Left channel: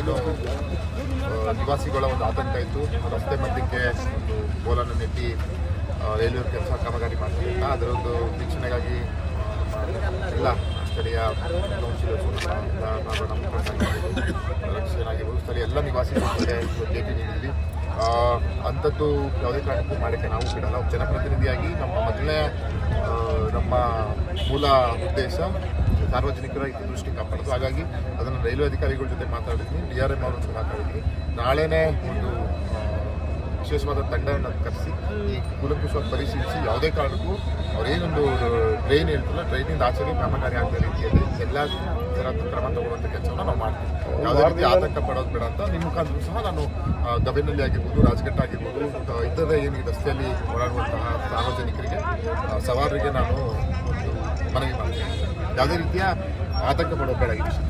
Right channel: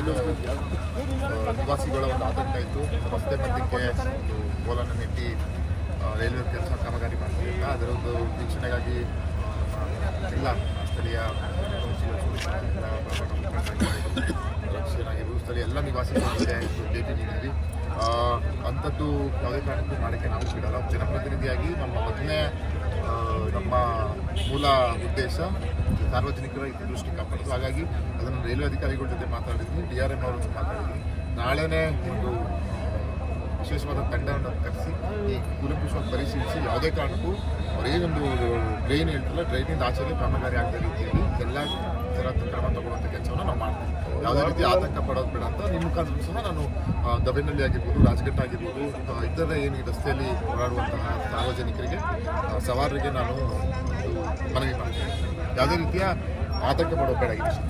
ಏನು ನಿವಾಸಿಗಳ ಒಂದು ಆತಂಕ ಇತ್ತು. ರಸ್ತೆ ಮಧ್ಯಕ್ಕೆ ಒಂದು ಬೋಲನ್ನು ನೆಟ್ಟಿ ರೈಲ್ವೆ ಕೆಲಸ ಕಾಮಗಾರಿ ಮಾಡ್ತಿದ್ದ ಅದರೊಂದು ವೀಕ್ಷಣೆಗಾಗಿ, ಎಲ್ಲ ಸ್ಥಳೀಯ ರಕ್ಷಣಾಗಿರ್ಬೋದು ಸ್ಥಳೀಯ ಎಲ್ಲ ನಿವಾಸಿಗಳ ಜೊತೆ ಭೇಟಿ ನೀಡಿದ್ವಿ. ಅಂಥದ್ದು ಯಾವುದೇ ಕಾರಣಕ್ಕೂ ಮಾಡೋಕ್ಕೆ ನಾವು ಬಿಡಲ್ಲ. ಜನಪ್ರತಿನಿಧಿಯಾಗಿ ನಮ್ಮ ಮೊದಲನೇ ಮೂಲ ಉದ್ದೇಶ ಸಾರ್ವಜನಿಕರ ಹಿತದೃಷ್ಟಿ ಕಾಪಾಡೋದು. ಹಾಗಾಗಿ ಅದನ್ನು ರೈಲ್ವೆ ಅಧಿಕಾರಿಗಳ ಜೊತೆ ಮಾತಾಡಿದ್ವಿ. ಡಿ ಆರ್ ಎಂ ಅವ್ರ ಜೊತೆ ಮಾತಾಡಿದ್ವಿ. ನಾಳೆನೇ ಒಂದು ವಿಶೇಷವಾದ ತಂಡವನ್ನು ಕರೆಸಿ, ಈ ಕೂಲಂಕುಷವಾಗಿ ಪರಿಶೀಲಿಸಿ, ಯಾವುದೇ ಕಾರಣಕ್ಕೂ ಅವರೇನೊಂದು ಟ್ರೈನ್ ಹೇಳ್ತಾರಲ್ಲ ಟ್ರೈನಿಂದ ಆಚೆಗೆ ಕಾಮಗಾರಿ ಆಗದ ರೀತಿಯಲ್ಲಿ ಎಲ್ಲ ಥರ ಕ್ರಮ ತಗೊಳ್ಳುವಂಥ ಕೆಲಸವನ್ನು ನಾವು ಮಾಡ್ತೀವಿ. ಯಾವುದೇ ರೀತಿ ಆತಂಕ ಪಡೋದು ಬೇಡ ಅಂತ ನಿಮ್ಮ ಮುಖಾಂತರ ಸಹ ನಾನು ಗವಿನಲ್ಲಿ ಆಗಿರ್ಬೋದು, ರಾಜಘಟ್ಟ ಆಗಿರ್ಬೋದು ಇತರೆ ಏನು ರಸ್ತೆಯಲ್ಲಿ ಓಡಾಡುವಂತಹ ಸಾರ್ವಜನಿಕರಿಗೆ ಸವಾರರಿಗೆ ನಾನು ಒಂದು ಮನವಿ ಮಾಡ್ತೀನಿ. ಯಾವುದೇ ರೀತಿಯ ಆತಂಕ ಪಡೋ ಬೇಡ ಈ ವಿಷಯ